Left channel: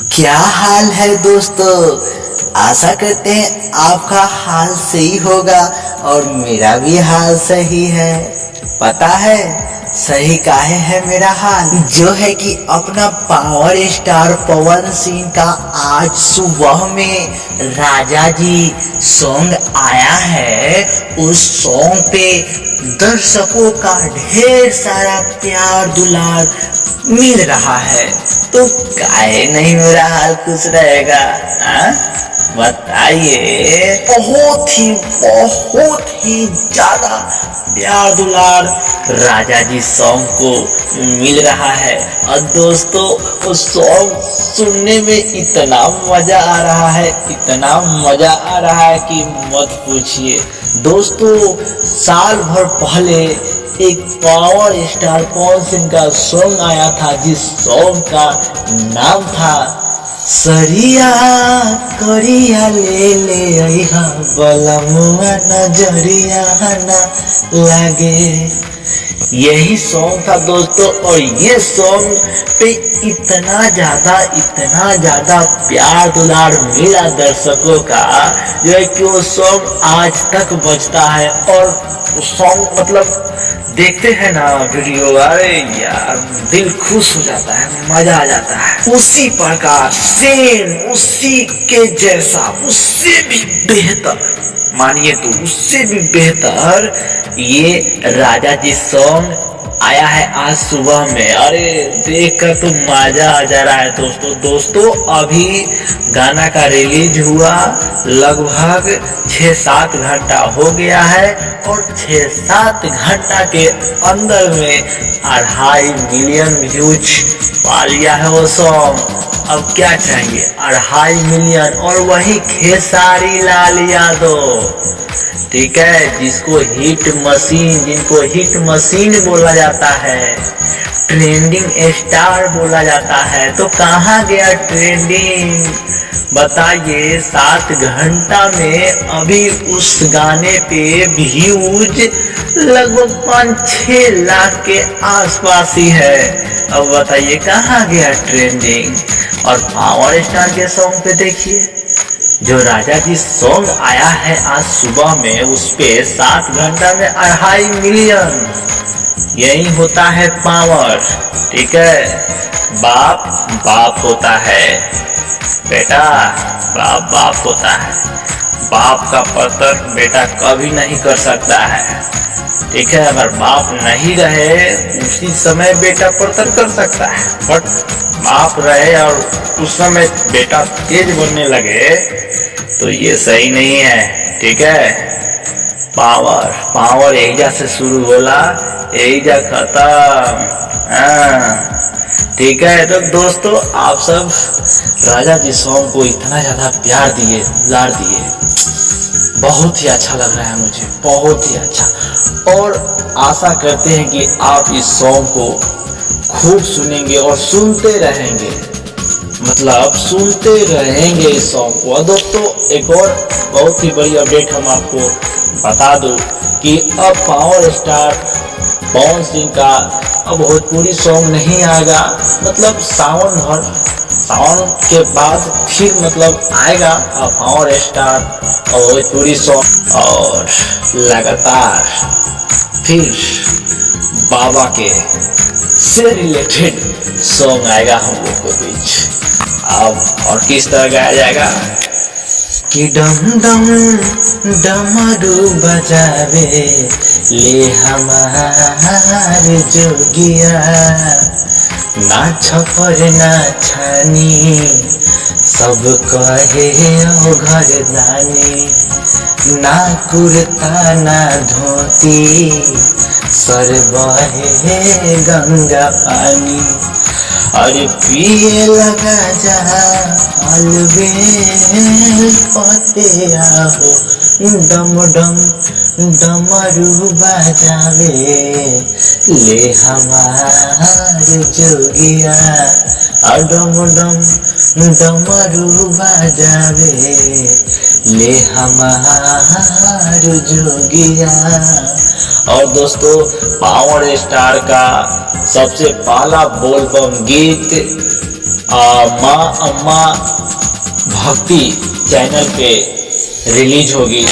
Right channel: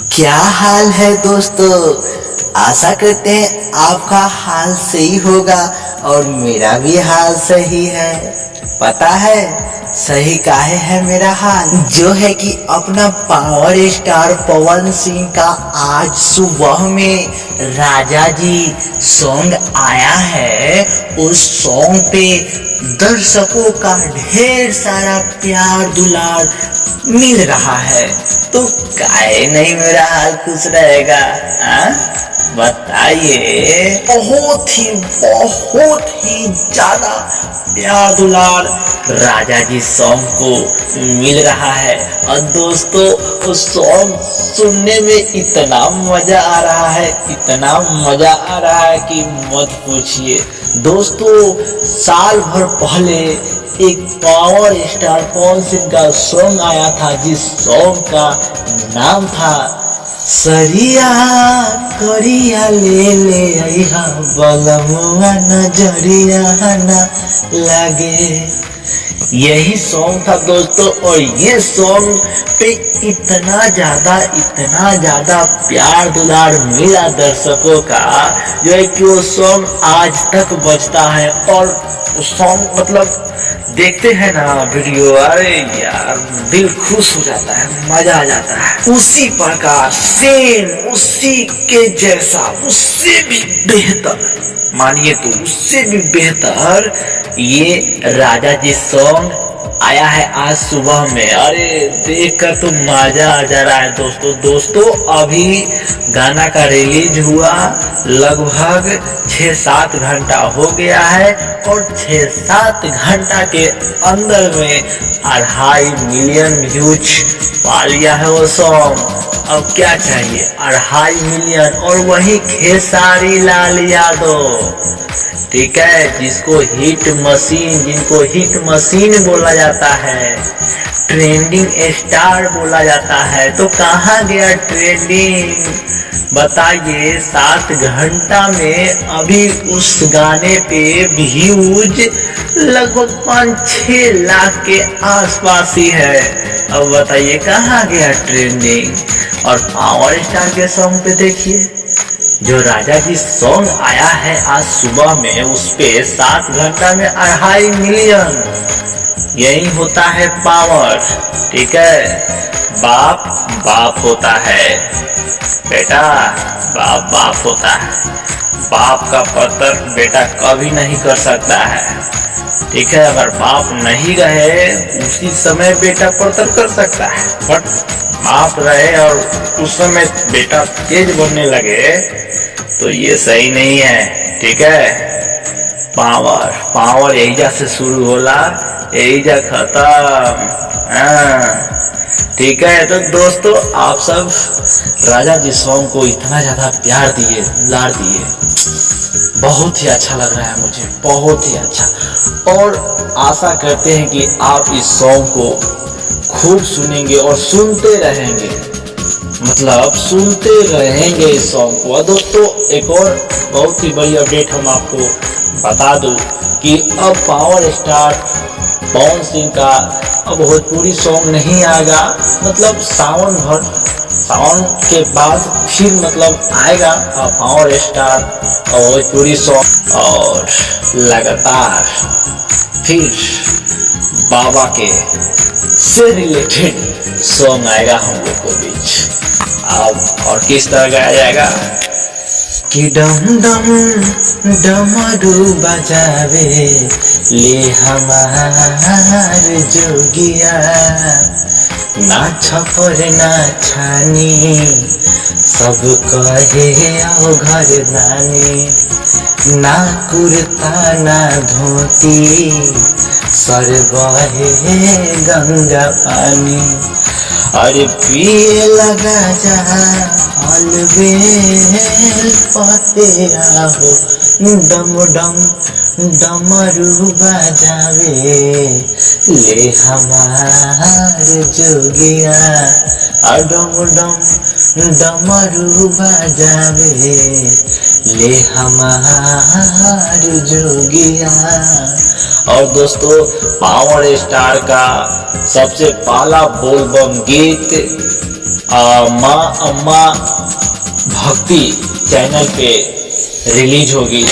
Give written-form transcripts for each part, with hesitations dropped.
क्या हाल है दोस्तों। आशा करते हैं आपका हाल सही होगा और मेरा भी हाल सही है। पता है सही काहे है मेरा हाल, जो है कि अपना पावर स्टार पवन सिंह का आज सुबह में राजा जी सॉन्ग आया है। उस सॉन्ग पे दर्शकों का ढेर सारा प्यार दुलार मिल रहा है, तो काहे नहीं मेरा हाल खुश रहेगा। बताइए। बहुत ही ज्यादा प्यार दुलार राजा जी सॉन्ग को मिल रहा है। और दोस्तों उस सॉन्ग सुनने में इतना मजा आ रहा है, इतना मजा आ रहा है कि मत पूछिए। दोस्तों साल भर पहले एक पावर स्टार पवन सिंह का सॉन्ग आया था, जिस सॉन्ग का नाम था सरिया करिया ले ले अइहा बलमुआ नजरिया ना लागे। यही सॉन्ग था दोस्तों। और ये सॉन्ग पे इतना ज्यादा प्यार दुलार मिला दर्शकों का, जो है कि वो सॉन्ग आज तक बजता है। और वो सॉन्ग मतलब देखते हैं ना वीडियो, अरे यार दिल खुश हो जाता है, मजा आ जाता है। उसी प्रकार सेम उसी के जैसा, उससे भी बेहतर, मानिए तो उससे भी बेहतर ये राजा जी सॉन्ग आया है आज सुबह में। अरे देखकर तो मजा आ जा रहा है दोस्तों। अभी गाना का रिलीज हुआ लगभग 6-7 घंटा हो गया है, और 6-7 घंटा के अंदर में 2.5 मिलियन व्यूज पा लिया है वो सॉन्ग। अब क्या चाहिए, 2.5 मिलियन। और वही खेसारी लाल यादव, ठीक है, जिनको हिट मशीन बोला जाता है, ट्रेंडिंग स्टार बोला जाता है। तो कहाँ गया ट्रेंडिंग, बताइए। 7 घंटा में अभी उस गाने पे व्यूज लगभग 5-6 लाख के आसपास ही है। अब बताइए कहाँ गया ट्रेंडिंग। और पावर स्टार के सॉन्ग पे देखिए, जो राजा जी सॉन्ग आया है आज सुबह में, उस पे 7 घंटा में 2.5 मिलियन। यही होता है पावर, ठीक है। बाप होता है बेटा, बाप होता है। बाप का परतर बेटा कभी नहीं कर सकता है, ठीक है। अगर बाप नहीं रहे उसी समय बेटा परतर कर सकता है, बट बाप रहे और उस समय बेटा तेज बनने लगे तो ये सही नहीं है, ठीक है। पावर एहिजा से शुरू होला, एहिजा खत्म, ठीक है। तो दोस्तों आप सब राजा जी सॉन्ग को इतना ज्यादा प्यार दिए, दुलार दिए, बहुत ही अच्छा लग रहा है मुझे, बहुत ही अच्छा। और आशा करते हैं कि आप इस सॉन्ग को खूब सुनेंगे और सुनते रहेंगे, मतलब सुनते रहेंगे इस सॉन्ग को। और दोस्तों एक और बहुत ही बड़ी अपडेट हम आपको बता दूं कि अब पावर स्टार पवन सिंह का अब भोजपुरी सॉन्ग नहीं आएगा, मतलब सावन के बाद फिर मतलब आएगा पावर स्टार और भोजपुरी सॉन्ग। और लगातार फिर बाबा के से रिलेटेड सॉन्ग आएगा हम लोग के बीच। अब और किस तरह गाया जाएगा कि डम डम डमरू बजावे ले हमार जोगिया, ना छपर ना छानी सब कहे ओ घर दानी, ना कुर्ता ना धोती सर बहे गंगा पानी। अरे पिए लगा जा अलबेल पते आहो, डम डम डमरू बजावे ले हमार जोगिया, डम डम डमरू बजावे ले हमार जोगिया। और दोस्तों पावर स्टार का सबसे पहला बोलबम गीत माँ अम्मा भक्ति चैनल पे रिलीज होगी,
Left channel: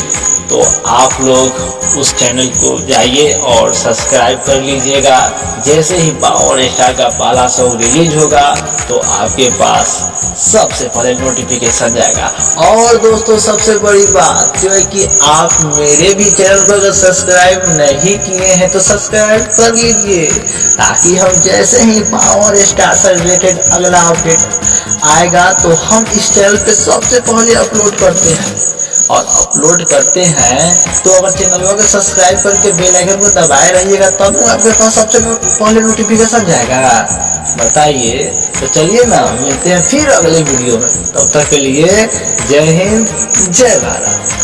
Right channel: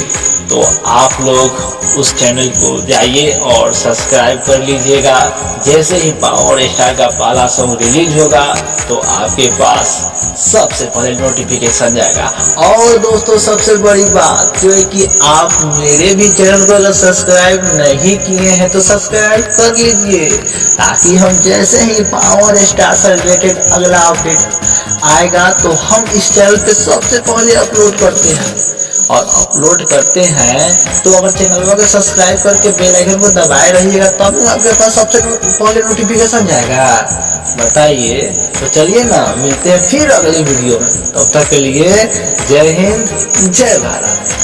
तो आप लोग उस चैनल को जाइए और सब्सक्राइब कर लीजिएगा। जैसे ही पावर स्टार का पहला सॉन्ग रिलीज होगा तो आपके पास सबसे पहले नोटिफिकेशन जाएगा। और दोस्तों सबसे बड़ी बात जो है कि आप मेरे भी चैनल को अगर सब्सक्राइब नहीं किए हैं तो सब्सक्राइब कर लीजिए, ताकि हम जैसे ही पावर स्टार से रिलेटेड अगला अपडेट आएगा तो हम इस चैनल पे सबसे पहले अपलोड करते हैं। और अपलोड करते हैं तो अगर चैनल को सब्सक्राइब करके बेल आइकन को दबाए रहिएगा तब आपके पास सबसे पहले नोटिफिकेशन जाएगा। बताइए, तो चलिए ना, मिलते हैं फिर अगले वीडियो में। तब तक के लिए जय हिंद, जय भारत।